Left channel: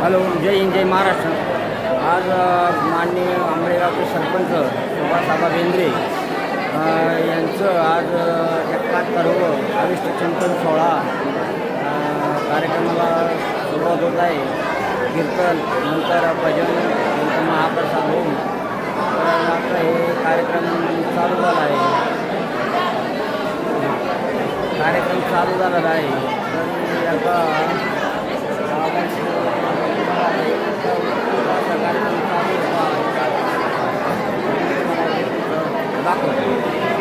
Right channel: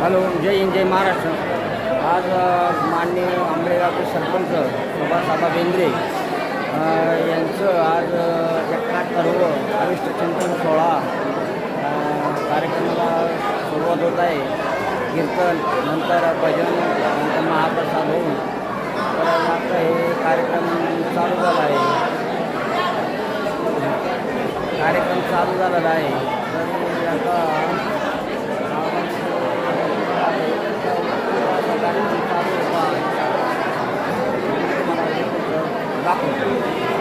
Hello जय हिंद जय महाराष्ट्र. आज अ, माननीय सरपंच सुभाषआबा बेंद्रे यांचं आज अ, एकाहत्तरव चिंतन सोहळा कार्यक्रमाला सुरुवात होत आहे. कीर्तन नंतर भजन नंतर महाप्रसाद होऊन तर आता हे कार्यक्रम चालू झाला आहे. कार्यक्रम चालू झालेला आहे. तरी याचा असा कार्यक्रम चालू होता मला ते दाखवतो.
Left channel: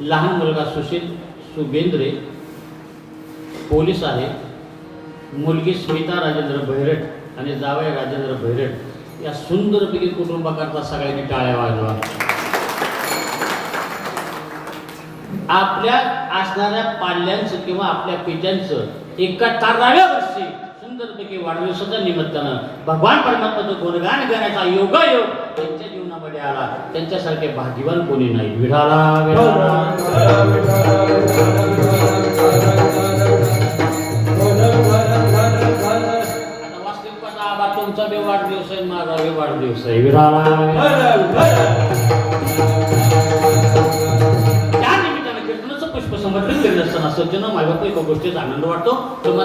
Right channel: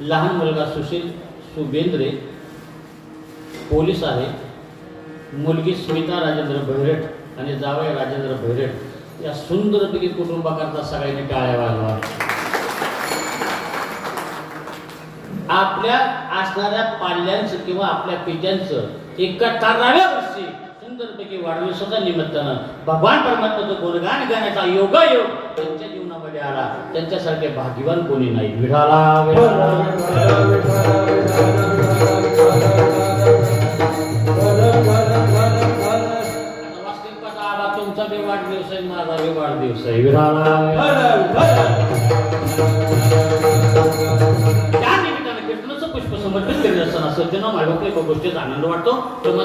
लहान मुलगा सुशील सुबेंद्रे पोलीस आहे. मुलगी स्मिता राजेंद्र भैरट आणि जावई राजेंद्र भैरट या सुंदरपैकी कुटुंबाकरता सगळ्यांनी टाळ्या वाजवा. आपल्या असणाऱ्या पाल्यांचं किंवा आपल्या पित्यांचं एकाहत्तराव्या वर्षी सुंदरपैकी वाढदिवसाच्या निमित्तानं भगवान परमात्माचं गुणगान गाण्याचा योगायोग त्यांच्या जीवनामध्ये आला. त्यांच्यासारखे भाग्यवान कोणी नाही. विढाला विढाला तुमचा बी वाढदिवस आहे माझा बी वाढदिवस आहे. विढाला त्या निमित्तानं कीर्तनाचं पुष्प समर्पित करीत असताना सज्जन मायबाप एका गोष्टीचा आनंद वाटतो. तेव्हा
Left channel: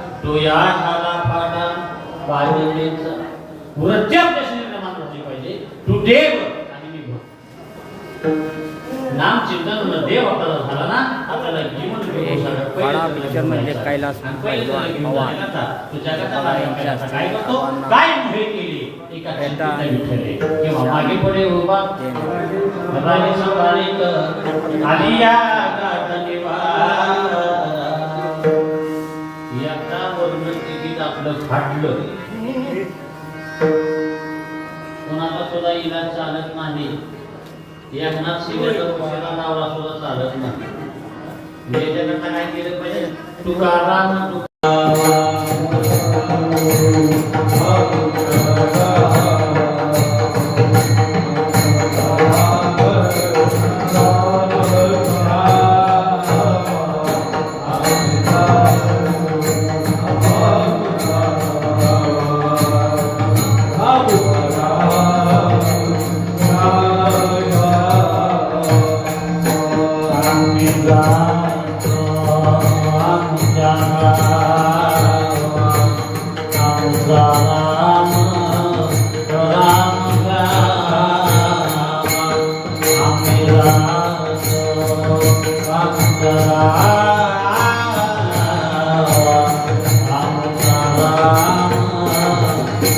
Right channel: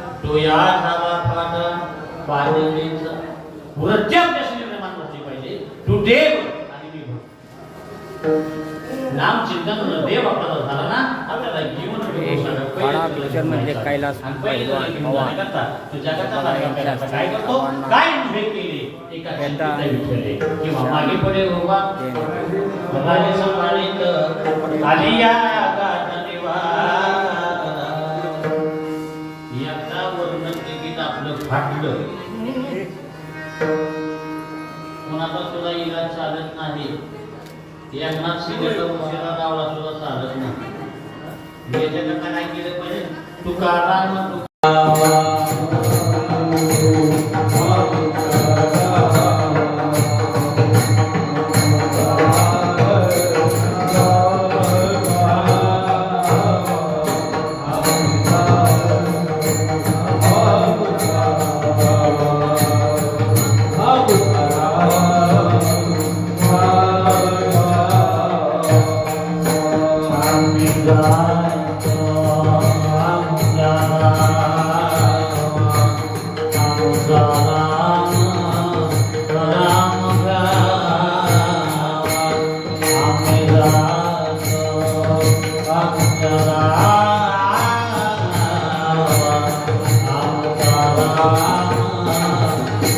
तो या झाला फाटा पाजलेचा वृत्ती आपल्या निर्माण झाली पाहिजे. तू देव आणि मी भक्त नाम चिंतन देव आपल्याला झाला ना आपल्याला जीवन वाडा picture मधले कैलास पैलवान, पवार. काय केले? एका. किंवा मागे पुढे उभा. देणे राजे संभाळीत आलिया फाटलं. कुणाला सुद्धा इलाज चालत नाही. एकनाथ पक्षाला दावला सुद्धा चालत नाही. याच्याकरता काय केलं पाहिजे. तुकाराम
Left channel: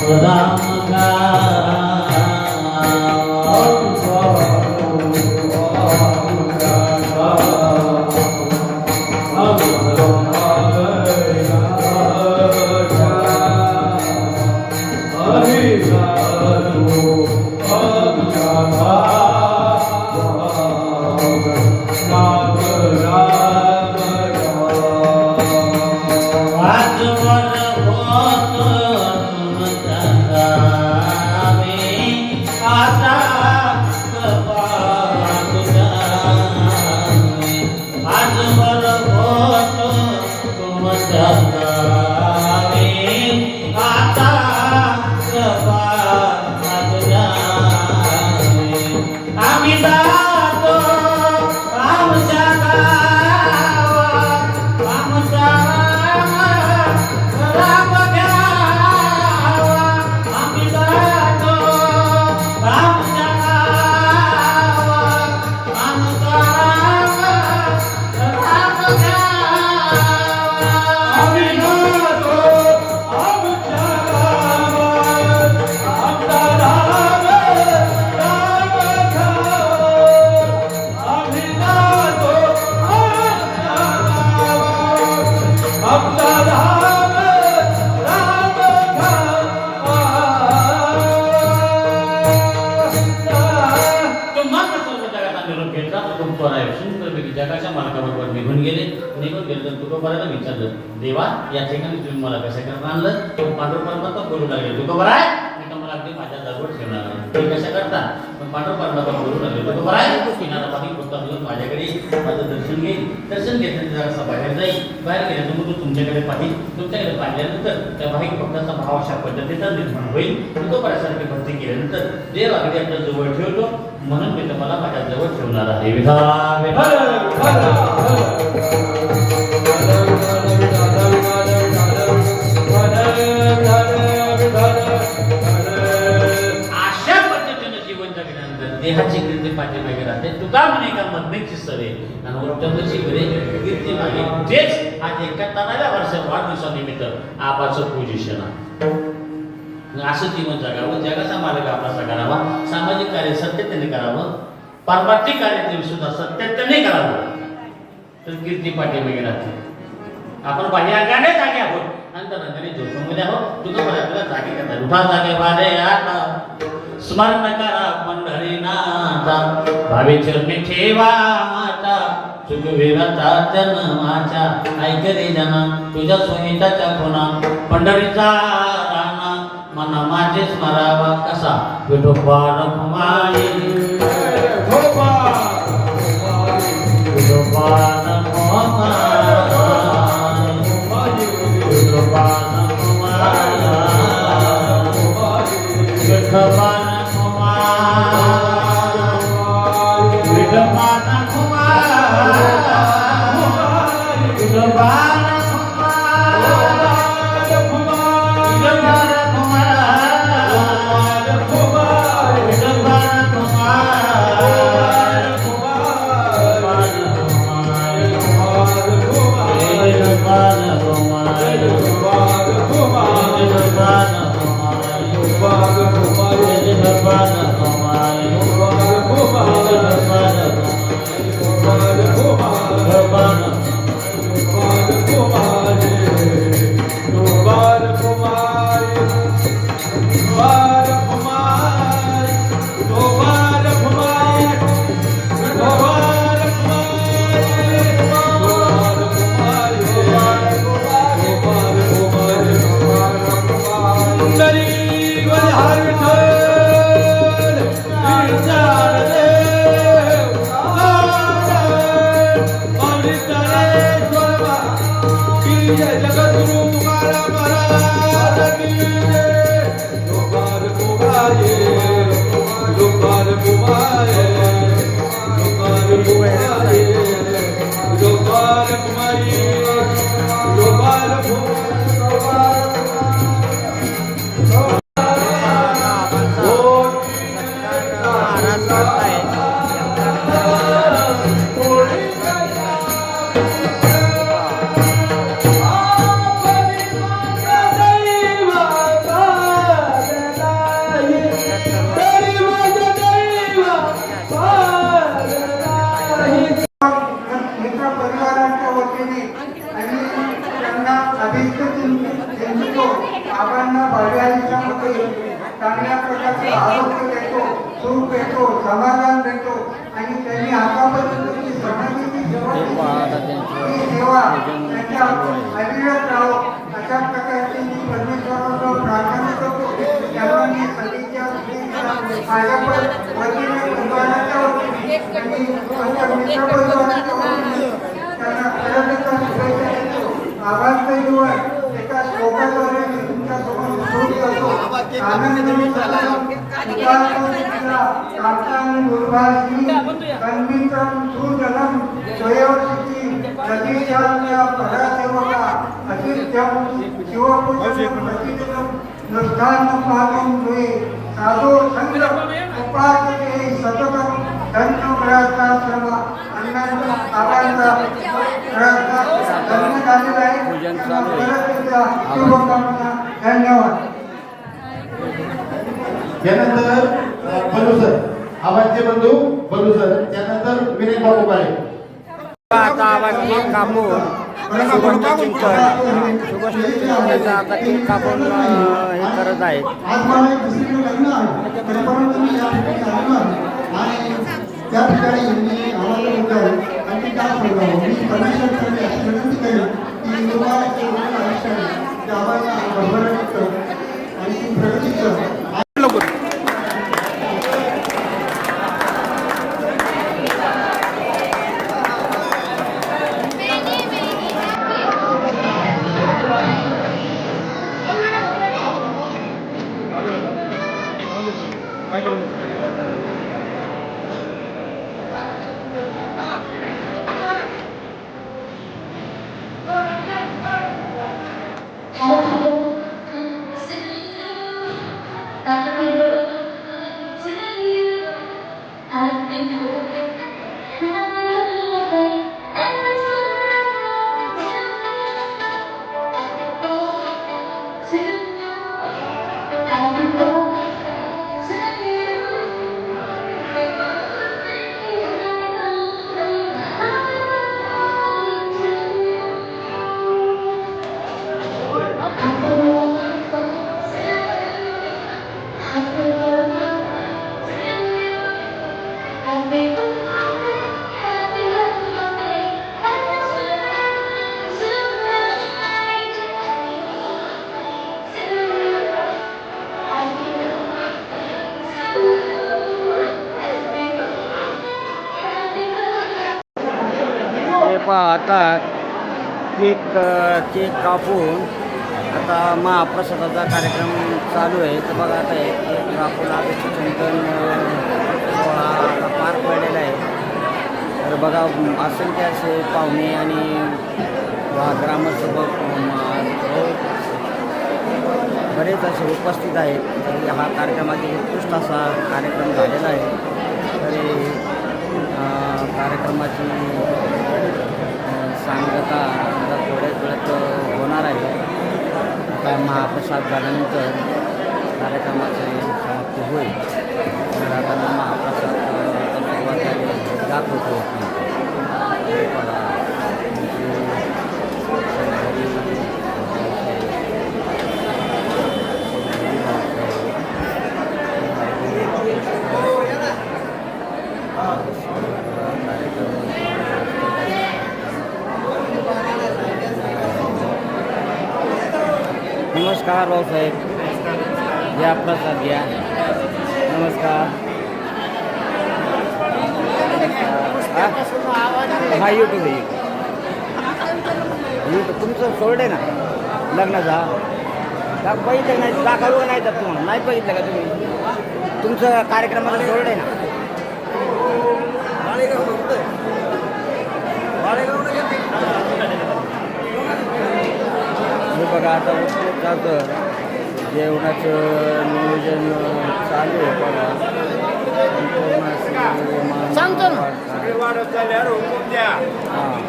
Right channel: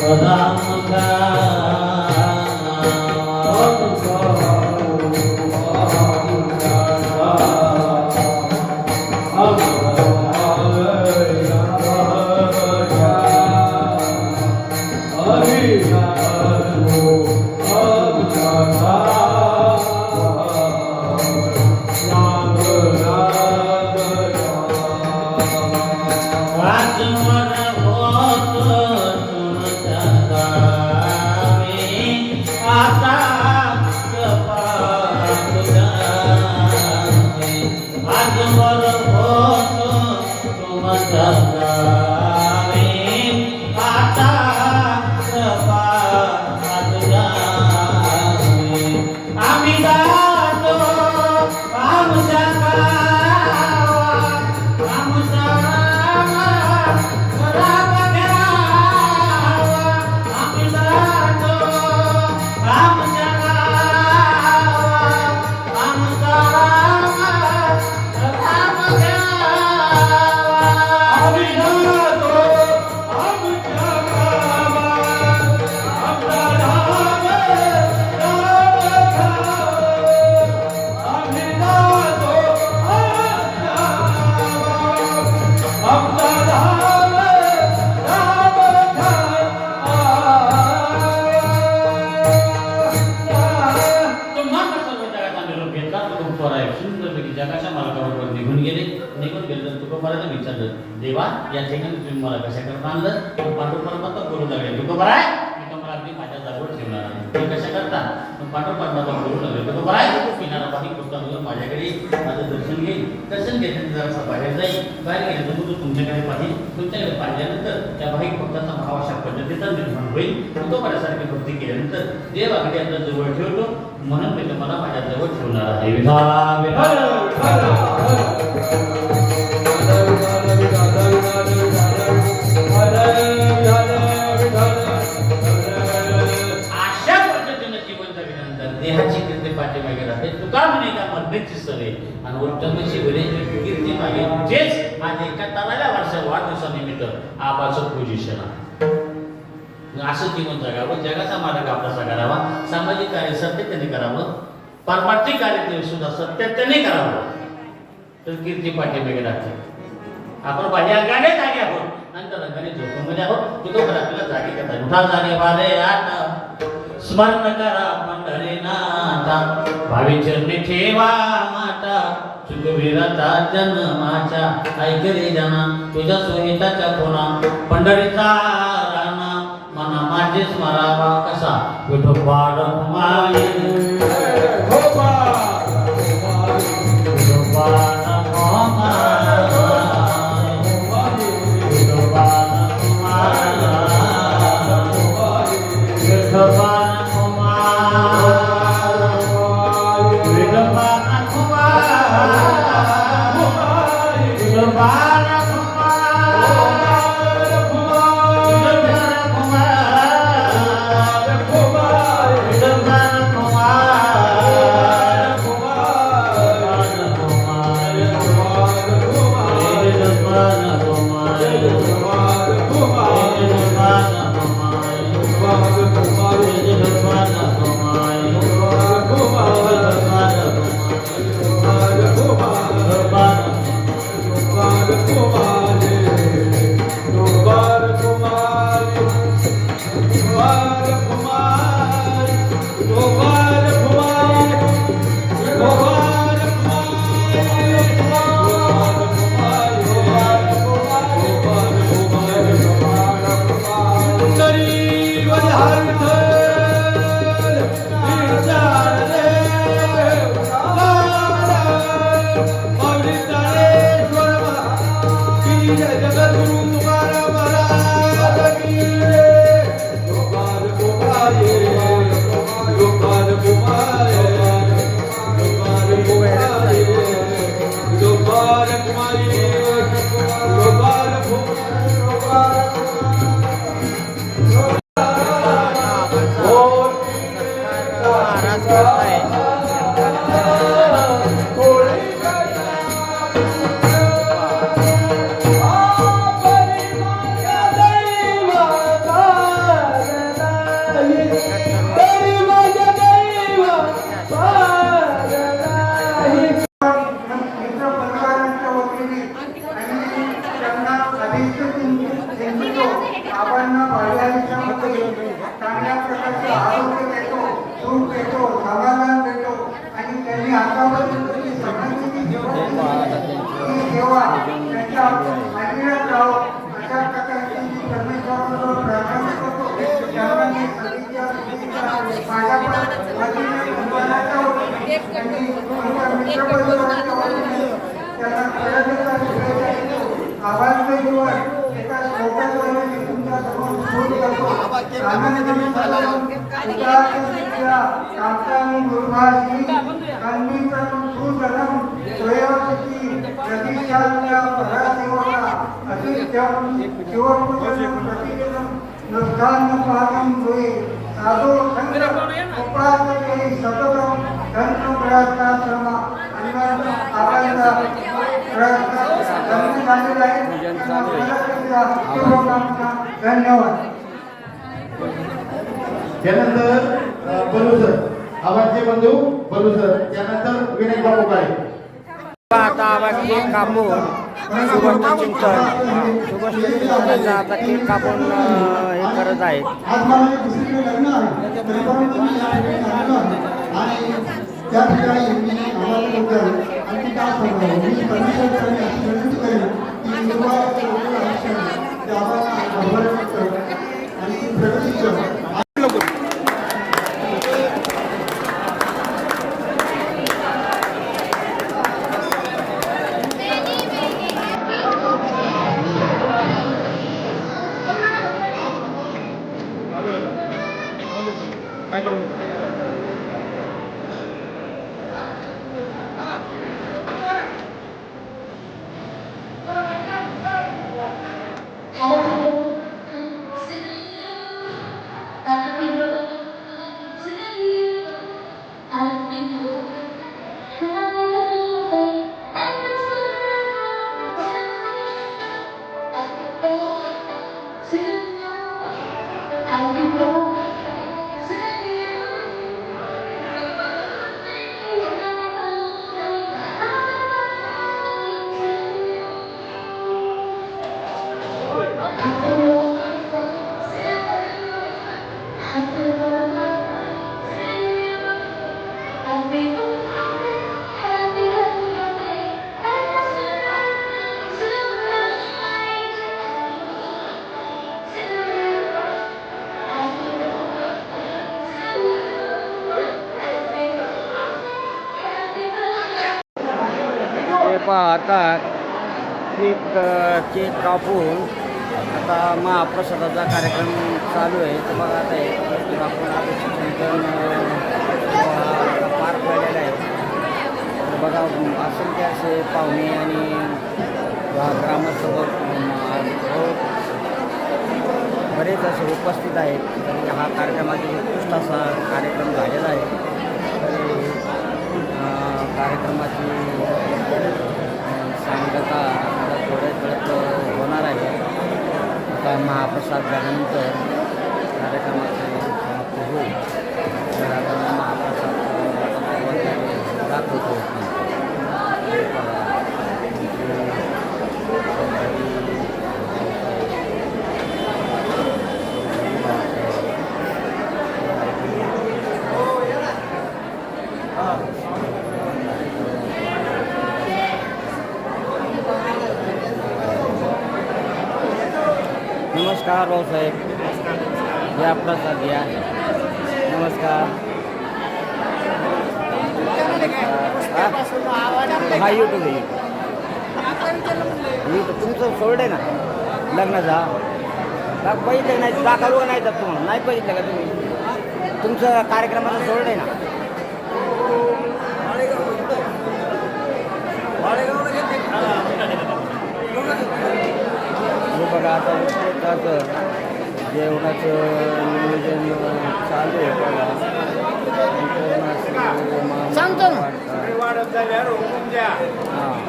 Salam जगाच्या मालकाबरोबर निघून गेले. निघून गेले. तर तुकोबरायला विचारलं देवा या ठिकाणी तुम्ही मला कसं करता आणलं? पांडुर परमात्मा बोलू लागले तुकोबराय मी माझ्या जवळ ठेवणार नाही. ते कसं करता पण पांडुर परमात्मा बोलू लागले. तुकोबराय किनारा पाठी पुस्तक अगोदर माझ्याकडे माझं दर्शन घेईल. दर्शन घेतल्यानंतर असं बाहेर जाईल. बाहेर गेल्यानंतर तो तुमच्याकडे पाहिजे तुमच्याकडे पाहिल्यानंतर त्या भाविक भक्ताचा भाव अशा पद्धतीचा निर्माण होईल. तो बऱ्यासारखी भक्ती केल्यानंतर देव अगदी आपल्या जवळ ठेवतो. म्हणून मी तुम्हाला माझ्या जवळ ठेवणार आहे. विधाला विधाला. देहाची कीर्ती पाठीमागे राहते. तुका म्हणे का मरणीची सरे आणि उत्तमची बरे कीर्ती मागे. तेच आज एकाहत्तराव्या वर्ष वाढदिवसानिमित्त आपाचं पोझिशन असं जीवन जगावं जगाचा मार्ग आपला करावा. सामाजिक कार्य सत्यतेने करावं. पारमार्थिक कार्य ते सुद्धा सत्यतेने करावं. तर कीर्ती पाठीमागे राहते. आपण बाह्य अंगाने जागे आहोत. नंतर अंगाने झोपूमध्ये आहोत. तुझं पण आपल्याला जागे करता उठा जागे वादे यार स्मरण करा पंढरीनाथा भावी चरणी ठेवा माता चुकविरता जन्माच्या. ऐक रे जना तुझ्या सोयीच्या खुणा पंढरीचा राणा मना माझे स्मरावा कसा? विठोबा रखुमाई विठोबा. रखुमाई आणि सर्व मित्रपरिवाराच्या वतीने त्यांना खेळाडूंचा शुभेच्छा देतो. आवाजचं जीवन एका श्लोकाद्वारे मी तुमच्यासमोर सुरू करतो. आनंदी सदानंद, उपासना विद्या, सुजनम, परासेवका, प्रतिदिनम, द्वे, साधो संग, उपासते सततम, धन्य अन्नाचा प्रयत्न झालेला आहे. धन्यवाद त्यानंतर अ, बलू सर आवाजचे बंधू बलू सर त्यानंतर विनय बाबू काळे आता आवाज केक सुभाष सुगोष्ठ चिंतन हा, चिंतनाचा आता केक कापून हे करत आहेत आज पहा आता केक केक कापून आता महाप्रसादाचा कार्यक्रम चालू आहे. तर बघा आता हे केक कापून आदित्य चिंतन आता पार पडलेला आहे. तर बघा असेल ते असे पाहुणे आणि ग्रामसभा बरेच असे उपस्थित आहेत. तरी हा कार्यक्रमाची उत्कृष्ट असा कार्यक्रम झालेला आहे. तरी कार्यक्रमाची सांगता आता थोड्याच वेळात होणार आहे. आता महाप्रसाद झाल्यानंतर कार्यक्रमाची समाप्ती होईल. तर आता मी महाप्रसाद अं, सुरुवात दाखवतो. बघा नमस्कार भाऊसाहेब या प्रसाद घ्या नमस्कार. नमस्कार. हा? यूट्यूब आहे यूट्यूब यूट्यूब तुमचं सोडे ना. लग्नाचा का बघितलं नाही दाखवलं का नाही तर तुम्हाला? नाही बघितलं का तुम्ही? तुमचं कार्यक्रमाचं सोडे ना. बघा आता उत्कृष्टाचं जेवणाचं नियोजन चालू आहे बघा. हां.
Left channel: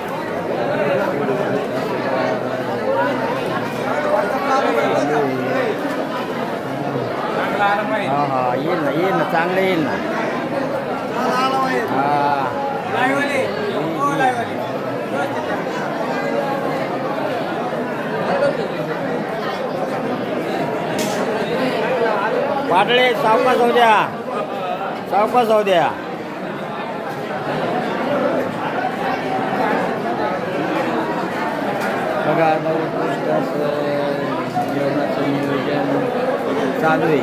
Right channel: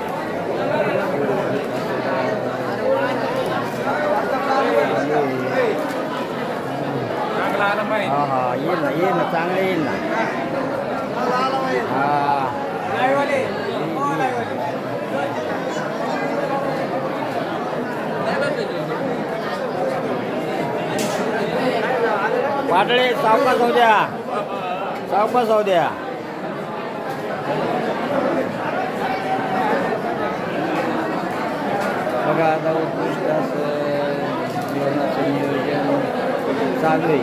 हा हा येईल ना येईल ना चांगलं येईल ना हा पाटळे सावकाश जाऊ द्या. सावकाश जाऊ द्या. बघा आता उत्कृष्ट असं जेवणाचं नियोजन चालू आहे.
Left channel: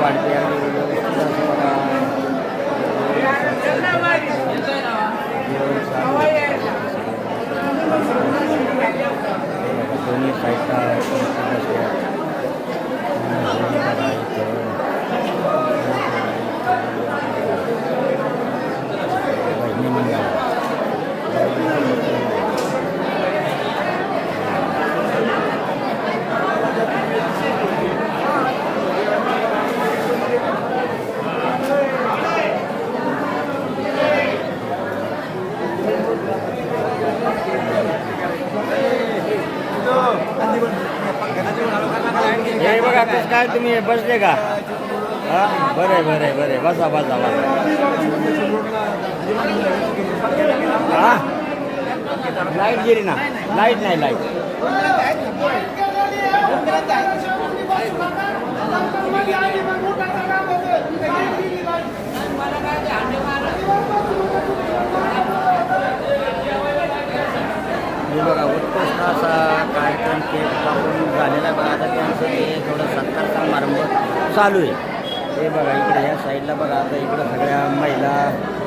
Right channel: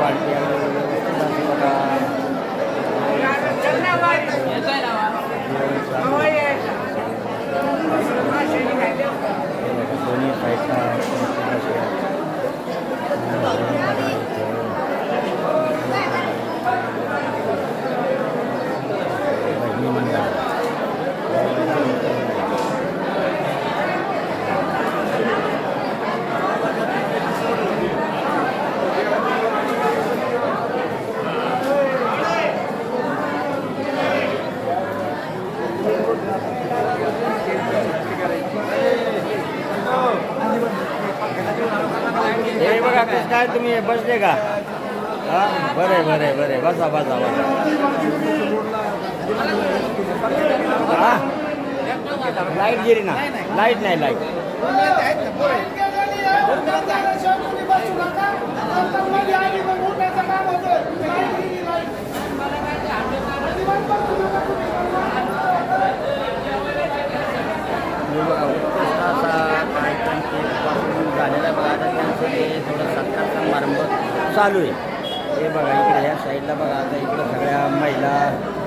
वाढते अगदी व्यवस्थित असं बघा. दोन्ही साईडला आहेत. आणि हे बघा इथं बहिणी मंडळ देवाची मूर्ती आहे. हे बघा कसं काय तुम्ही बसले का हा बरं आहे बरं आहे बरं आहे बसा बसा बसा। हा? लाइट गेली ना। लाइट नाही लाइट बघा उत्कृष्ट असा कार्यक्रम ते पासून झालेला आहे. बघा आता त्यांचं ते थोडं सत्कार समारंभ चालू आहे. हे बघा इकडे ह्या साईडला बघा. आता इकडं सगळ्या महिला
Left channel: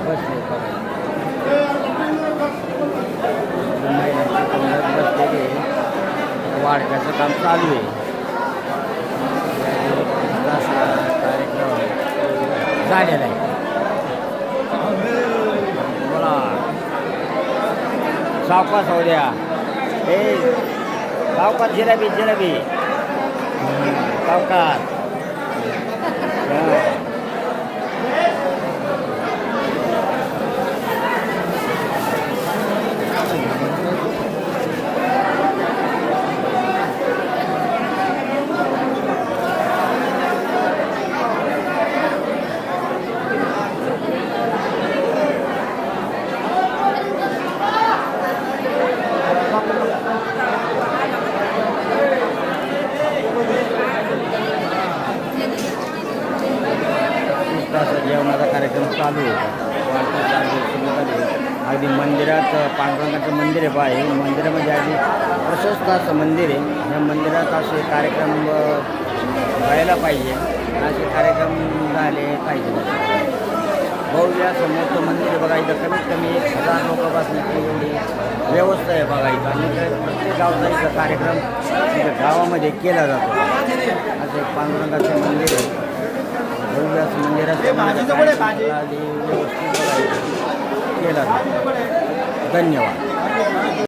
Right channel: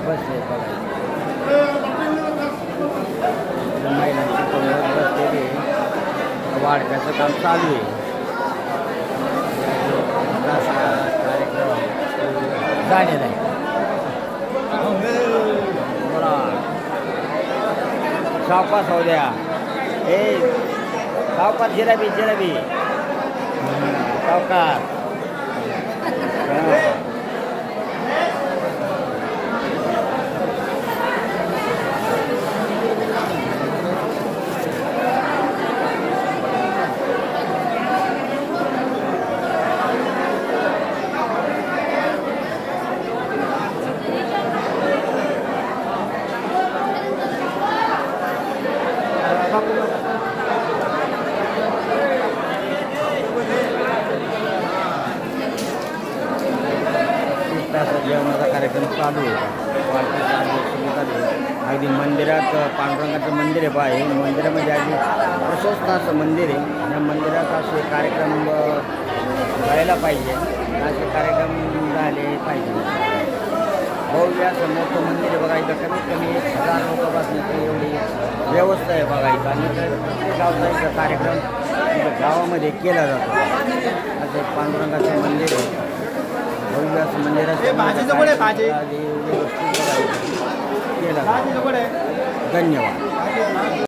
बसले बघा. महिलांची पंगत बसलेली आहे. वाढप्याचं काम चालू आहे. असा कार्यक्रम झालेला आहे. बोला. सावकाश होऊ द्या. हे सावकाश जिलेबी जिलेबी हं, सावकाश हं. तास जेवणाचा कार्यक्रम चालू आहे. चालू आहे, चालू अगदी मंदिरात पांडुरंगाचं मंदिर आहे बा मंदिरामध्ये अगदी प्रशस्त असं मंदिर आहे. या मंदिरात असे कार्यक्रम व्हायला पाहिजे. असे कार्यक्रम झाले पाहिजे. भव्य असं मोठं मंदिर आहे बघा इथं. कमीत कमी एक हजार लोक बसण्याची एवढी व्यवस्था आहे बघा इथं. आणि इथं प्रत्येक गावचा इथं कार्यक्रम इथं गावामध्ये केला जातो. असं एक पांडुरंगाचं मंदिर आहे. भव्य मंदिरात मंदिर असल्यामुळे त्या व्यवस्थित केला. धन्यवाद.